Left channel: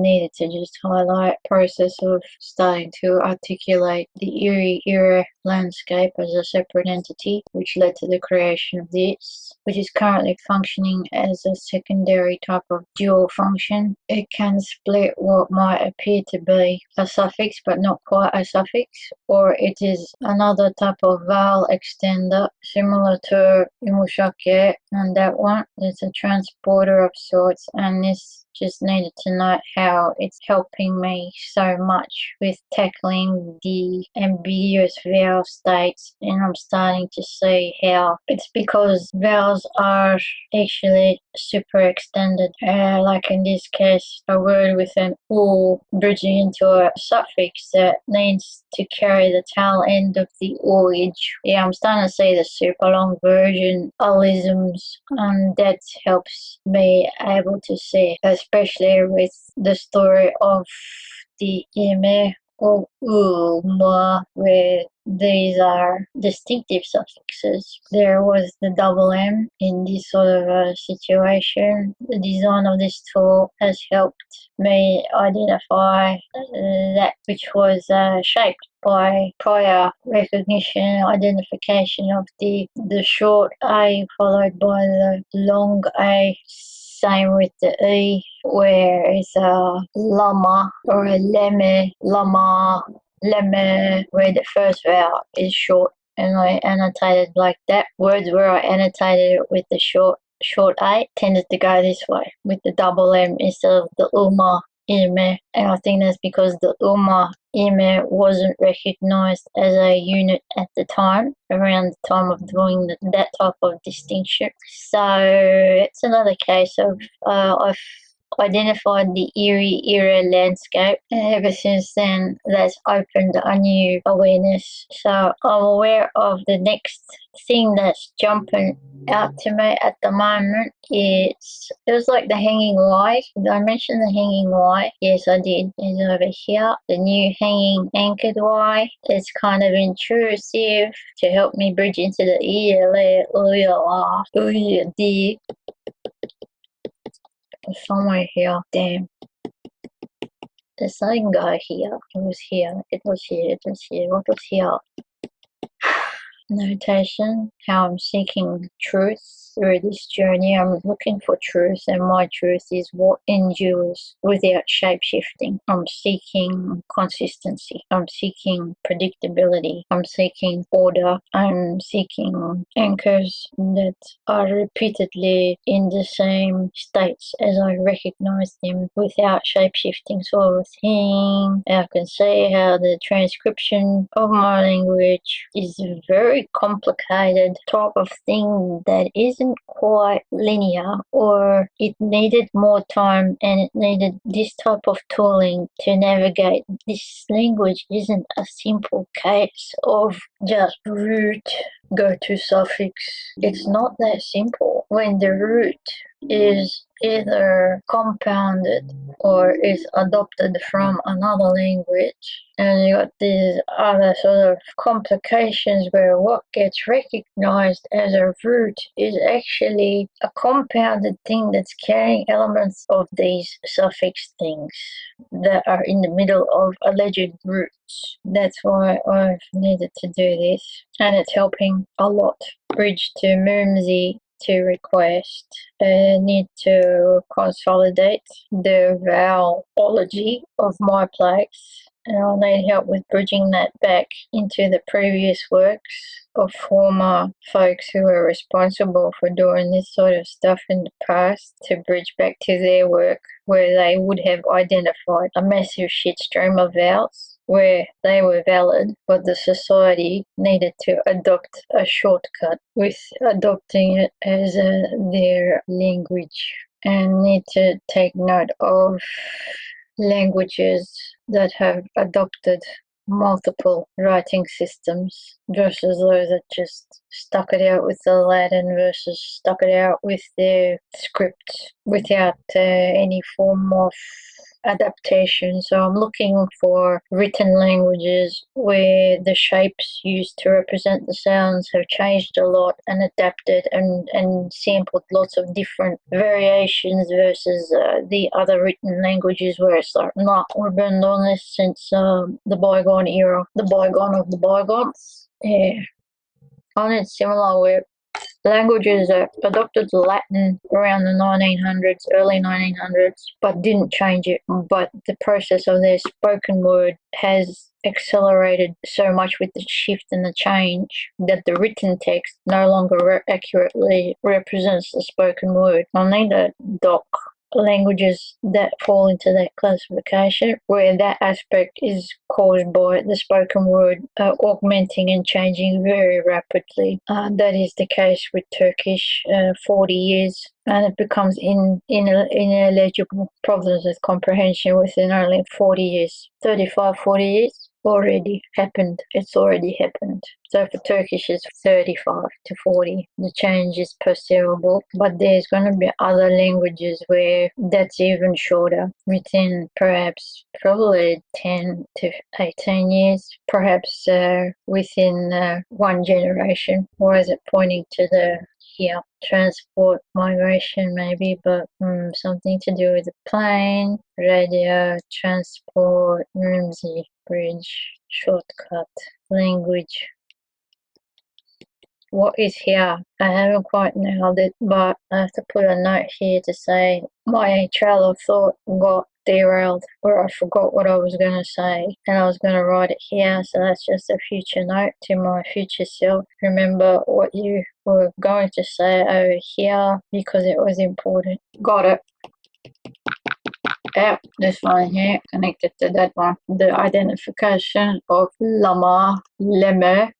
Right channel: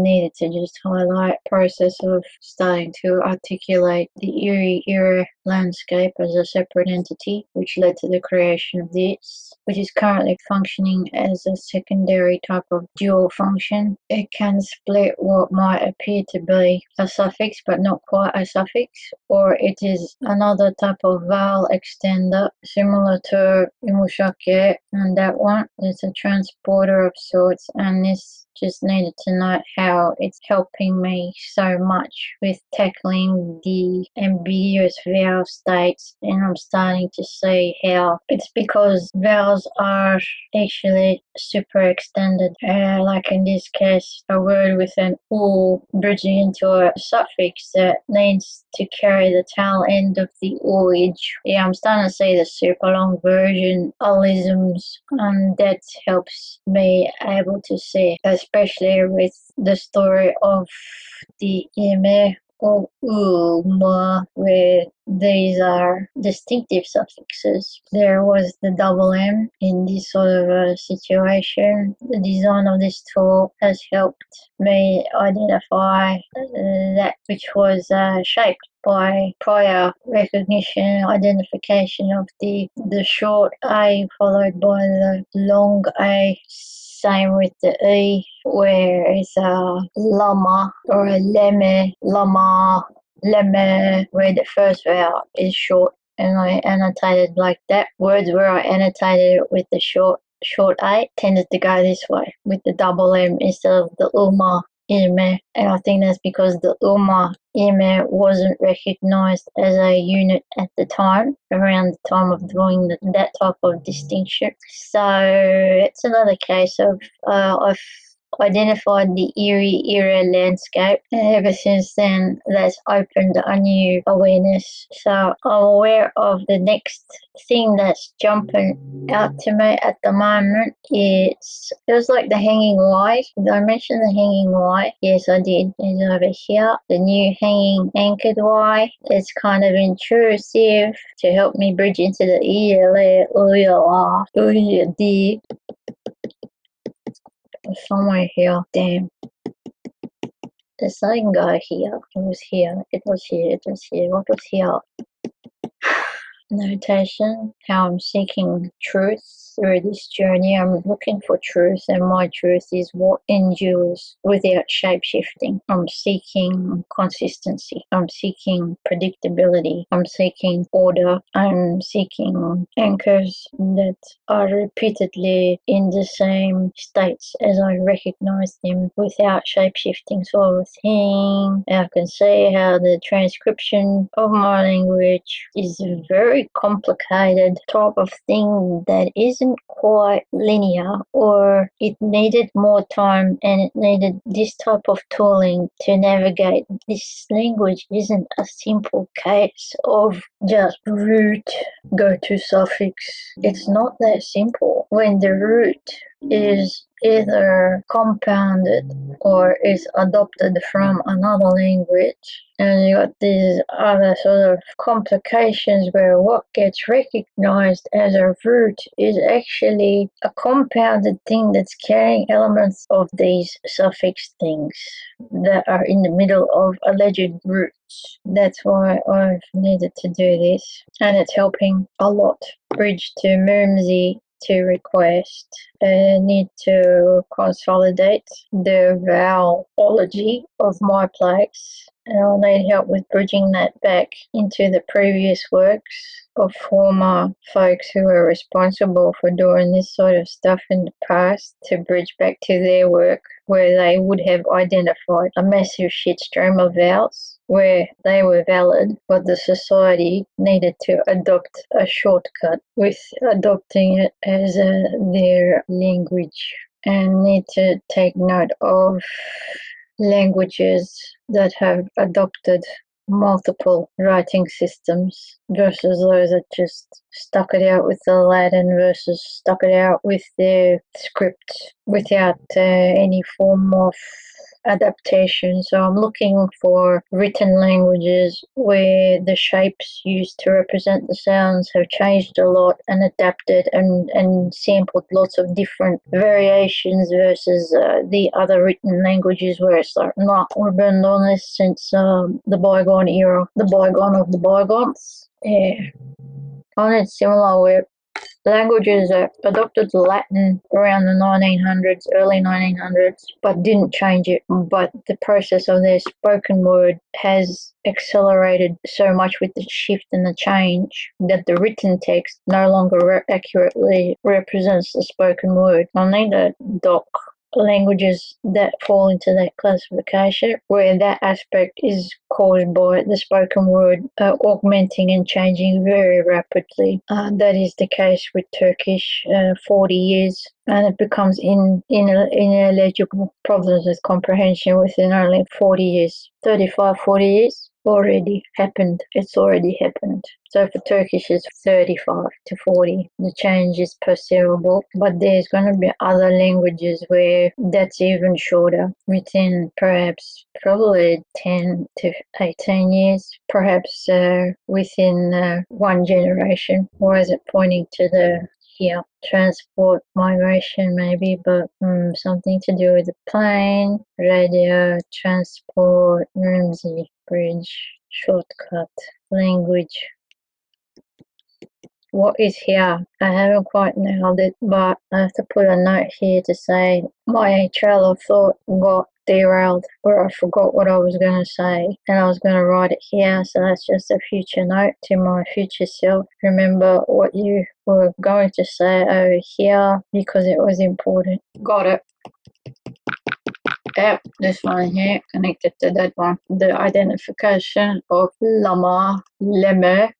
needed to just highlight process of starting to articulate the Erie era landscape as a separate entity, which led to the creation of this, which is currently functioning as a secondary type of dual function. It can split what might appear to be a suffix but not quite a suffix, or it is another type of vowel extender similar to imushake, and that one is a transporter of sorts, and this just needed to note how it's helping me so much with tackling the ambiguous vowel states, and I'm starting to see how it's because vowels are actually super extended, like in this case a word with an u bridging into a suffix that needs to carry the tail end of the oage. Yeah, I'm starting to see the super long version allisms, and that helps me able to see, especially with the story of the ime or uma, where these are distinctive suffixes. There was the double M in this sort of a situation. The design of this tool has helped me identify that which was shaped by prior recognition, identification of the short A followed by the long A. Same with the E, where it's a lama or a leme, lama, leme, where the first vowel is short. And I annotated like that. Words where I annotated with the short A tended to go this way, with the double M instead of the uma, ime. And I think that's because the uma, ime wasn't recognized as a unit at the time, around the time of doing that type of distinction. So it's another case of I've identified the Erie era landscape, and ever since then that's opened a new awareness. So I'm aware of the next thing that's jumping out to me at the moment. It feels like the hanging Y. Did I mention the hanging Y? Yes, I did. It's over here. The new hanging anchored Y. It's kind of intrusive to help me bridge into the D. Somewhere here. Damn. The same guy here. It was here. It was here. It was here. What was here? Notation, how I'm seeking truth through this journey. I'm looking for truth, and my truth is what endures without shape-shifting. I'm seeking consistency. I'm seeking predictability. I'm seeking order. I'm seeking anchors that are repeatedly in the same states as I recognize them without shape-shifting. So I was saying, I can see how the transcription of my language is very complicated type of thing that isn't quite linear, or it needed more time and it needed this type of tooling to navigate. This language isn't a simple case of just root, go to suffix. It's not that simple. When the root is either compounded or is adopted from another language, and you got these other sort of complications where what gets recognized as a root is actually a compounded thing that's carrying elements of these suffix things that are in the middle of alleged roots. That's why I've needed to do this, and it's helping a lot. Bridge to Mumsy to request. Need to consolidate the vowelology of my plaques, and I'll need help with bridging that back into the previous works of former folks who were responsible for doing this sort of stuff in the past, to bridge back to their work where they would have identified a massive shitstream of vowels where they were valid, but the society needed to adopt a shortcut with adopting it as their language, and need to take note of languages that have adopted multiple writing systems versus those that just stuck it out with the Latin versus stuck it out with their script without any form of adaptation. So I'm looking for written languages where the shapes used to represent the sounds have changed a lot and adapted and sampled lots of different variations versus the other written languages where it's like, no, we've been doing this since the bygone era, the bygone of the bygones. Yeah. On it similar where languages adopted Latin around the 1900s, early 1900s, but didn't change it. But the process of their spoken word has accelerated so much with the shift and the change that the written text no longer accurately represents the spoken word. I need to doc languages that fall into that classification where that aspect is caused by the spoken word augmenting and changing very rapidly. That is the case with Turkish 40 years, and it becomes ineligible, problems with comprehension within only 40 years, 35, 40 years. Already happened. It's already happened. So for Turkish it's 35 to 40. The change is perceivable, but there's going to be other languages where that's even shorter, within perhaps probably 10 to 18 years, perhaps within one generation. Or is it pointing to the transport, migration maybe, but something to do with the plane, radio, transport, Ramsey, bridge, shortcut, language. What is here? I haven't quite nailed it, but I have to put a note here to say my trail of thought got derailed, or I forgot what I was going to say, and I was going to write it here, so that's just a future note to my future self. Remember what you were going to say over here because it was important. Got it. Yeah, this one here connected to that one. The identification of lama, leme,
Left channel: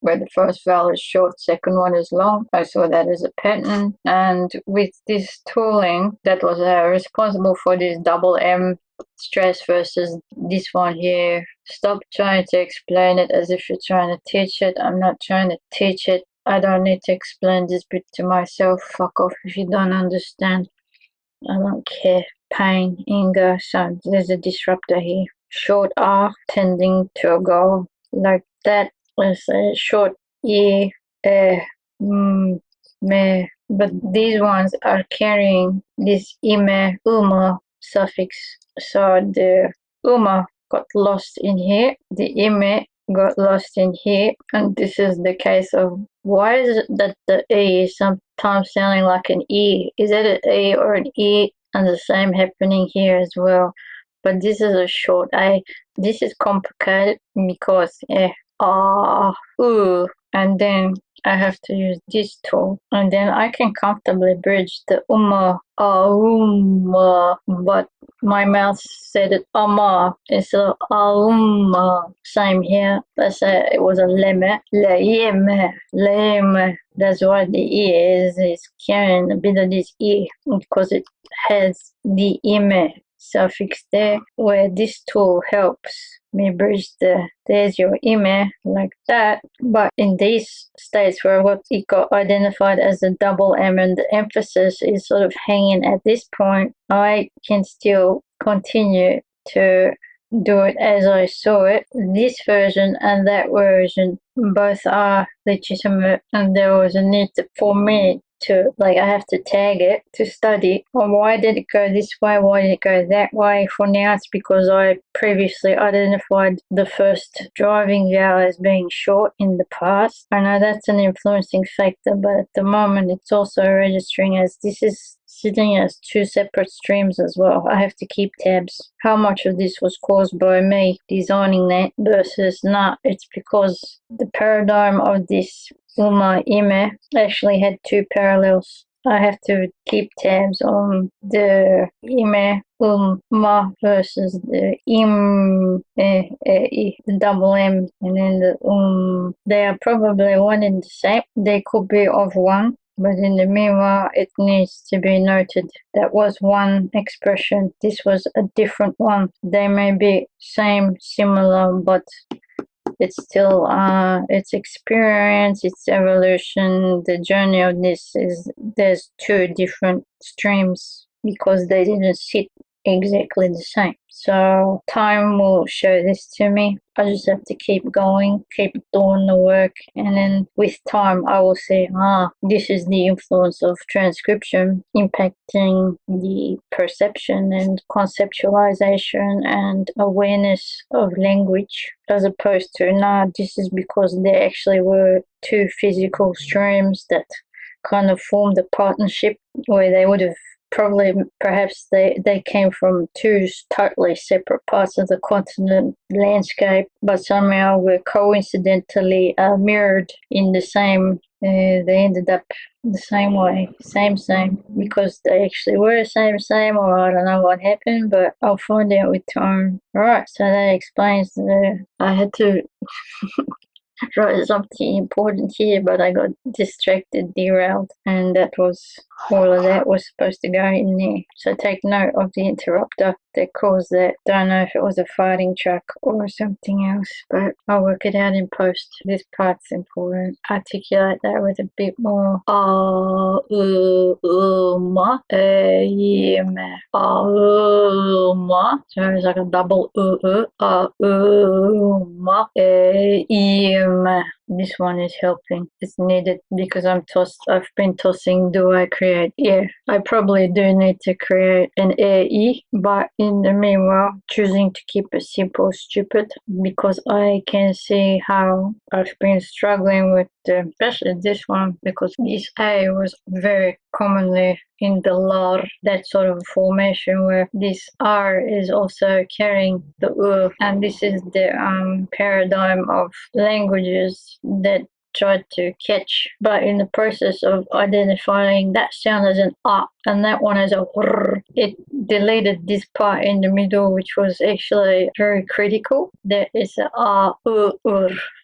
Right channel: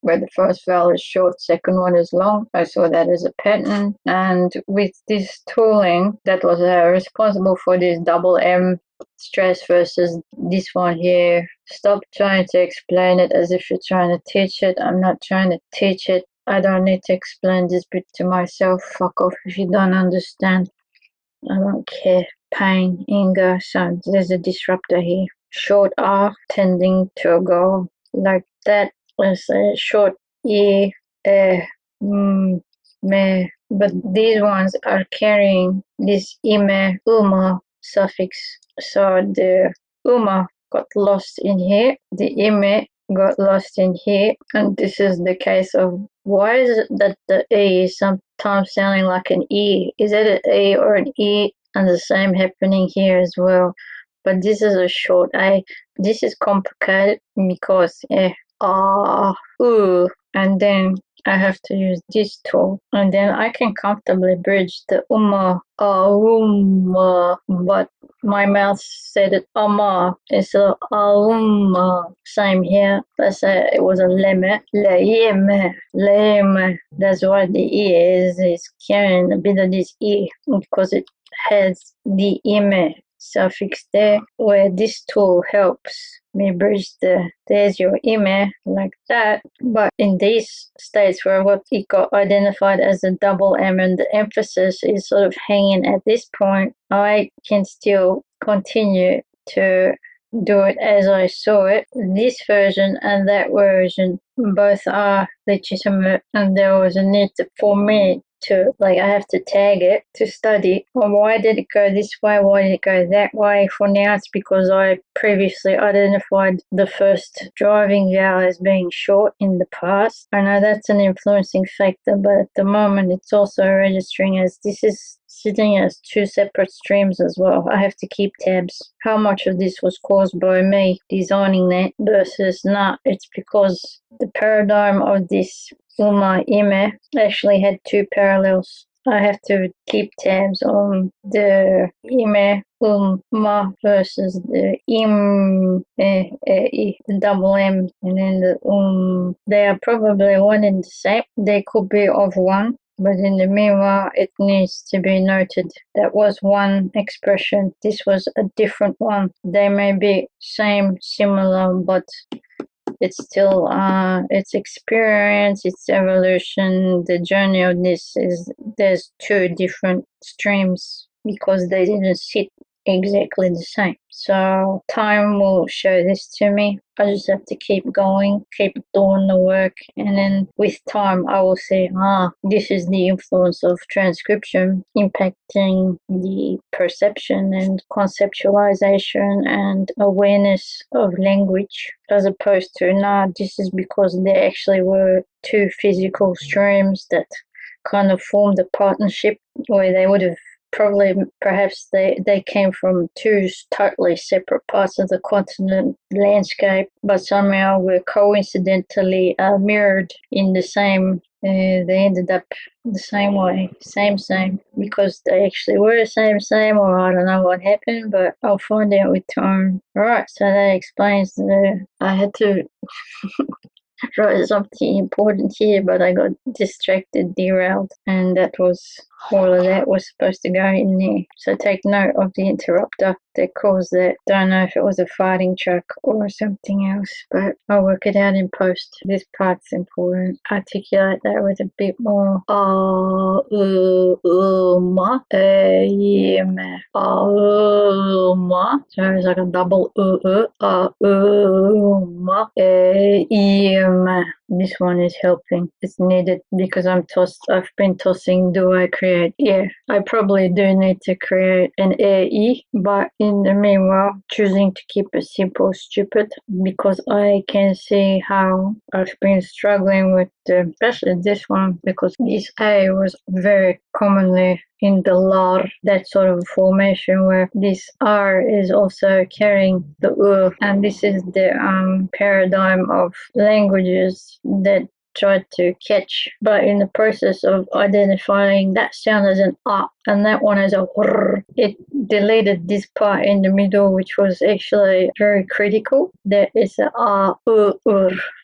where the first vowel is short, second one is long. I saw that as a pattern. And with this tooling that was responsible for this double M stress versus this one here, stop trying to explain it as if you're trying to teach it. I'm not trying to teach it. I don't need to explain this bit to myself. Fuck off if you don't understand. I don't care. Pain, anger, so there's a disruptor here. Short R tending to a goal. Like that. Let's say short E, me, but these ones are carrying this ime, uma suffix. So the uma got lost in here, the ime got lost in here, and this is the case of why is it that the E is sometimes sounding like an E? Is it an E or an E? And the same happening here as well. But this is a short A. This is complicated because and then I have to use this tool, and then I can comfortably bridge the but my mouth said it it's a same here. Let's say it was a leme, leme. That's what the E is carrying a bit of this E because it has the ime suffix there, where this tool helps me bridge there's your ime like that. But in these states where what it got identified as a double M and the emphasis is sort of hanging at this point, I can still continue to do it as I saw it. This version and that version both are legitimate, and there was a need for me to, like, I have to tag it to study. Why did it go this way? Why did it go that way? For now, it's because I previously identified the first driving vowel as being short in the past. I know that's an influencing factor, but at the moment, it's also registering as this is sitting as two separate streams as well. I have to keep tabs. How much of this was caused by me designing that versus not? It's because the paradigm of this Uma Ime actually had two parallels. I have to keep tabs on the Ime Ma versus the the double M, and then the They are probably one and the same. They could be of one, but in the meanwhile, it needs to be noted that was one expression. This was a different one. They may be same, similar, but it's still its experience, its evolution, the journey of this is there's two different streams because they didn't sit exactly the same. So time will show this to me. I just have to keep going, keep doing the work, and then with time I will see, this is the influence of transcription impacting the perception and conceptualization and awareness of language, as opposed to, this is because there actually were two physical streams that kind of formed a partnership where they would have perhaps they came from two totally separate parts of the continent landscape, but somehow were coincidentally mirrored in the same. They ended up the same way, same, because they actually were same, or I don't know what happened, but I'll find out with time. Alright, so that explains I had to wrote something important here, but I got distracted, derailed, and all of that was supposed to go in there. So take note of the interrupter that caused that. Don't know if it was a farting truck or something else, but I'll work it out in post. This part's important. Articulate that with a bit more ma, ma. So it's like a double ma, this one is helping. It's needed because I've been tossing, do I create? Yeah, I probably do need to create an AE, but in the meanwhile, choosing to keep it simple, stupid, because I can see how I've been struggling with especially this one, because this A was very commonly in the lar, that sort of formation where this R is also carrying the and this is the paradigm of languages that try to catch, but in the process of identifying that sound as an and that one as a it deleted this part in the middle, which was actually very critical. There is a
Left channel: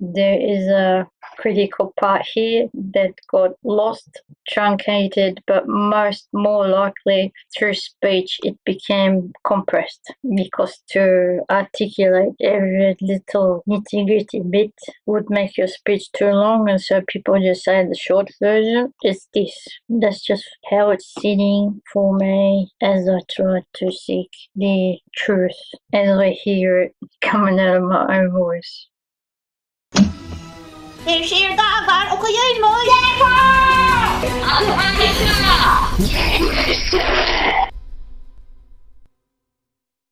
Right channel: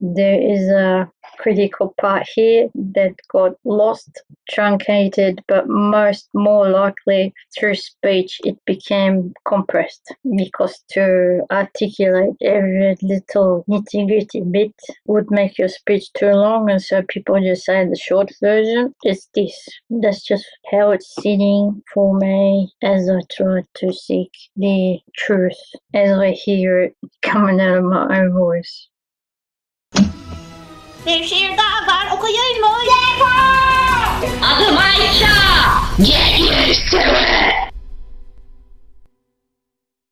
there is a critical part here that got lost, truncated, but more likely through speech it became compressed, because to articulate every little nitty-gritty bit would make your speech too long, and so people just say the short version is this. That's just how it's sitting for me as I try to seek the truth as I hear it coming out of my own voice. Bir şiir daha var, okuyayım mı? Yeter! Adım Ayşe! Gelirsin!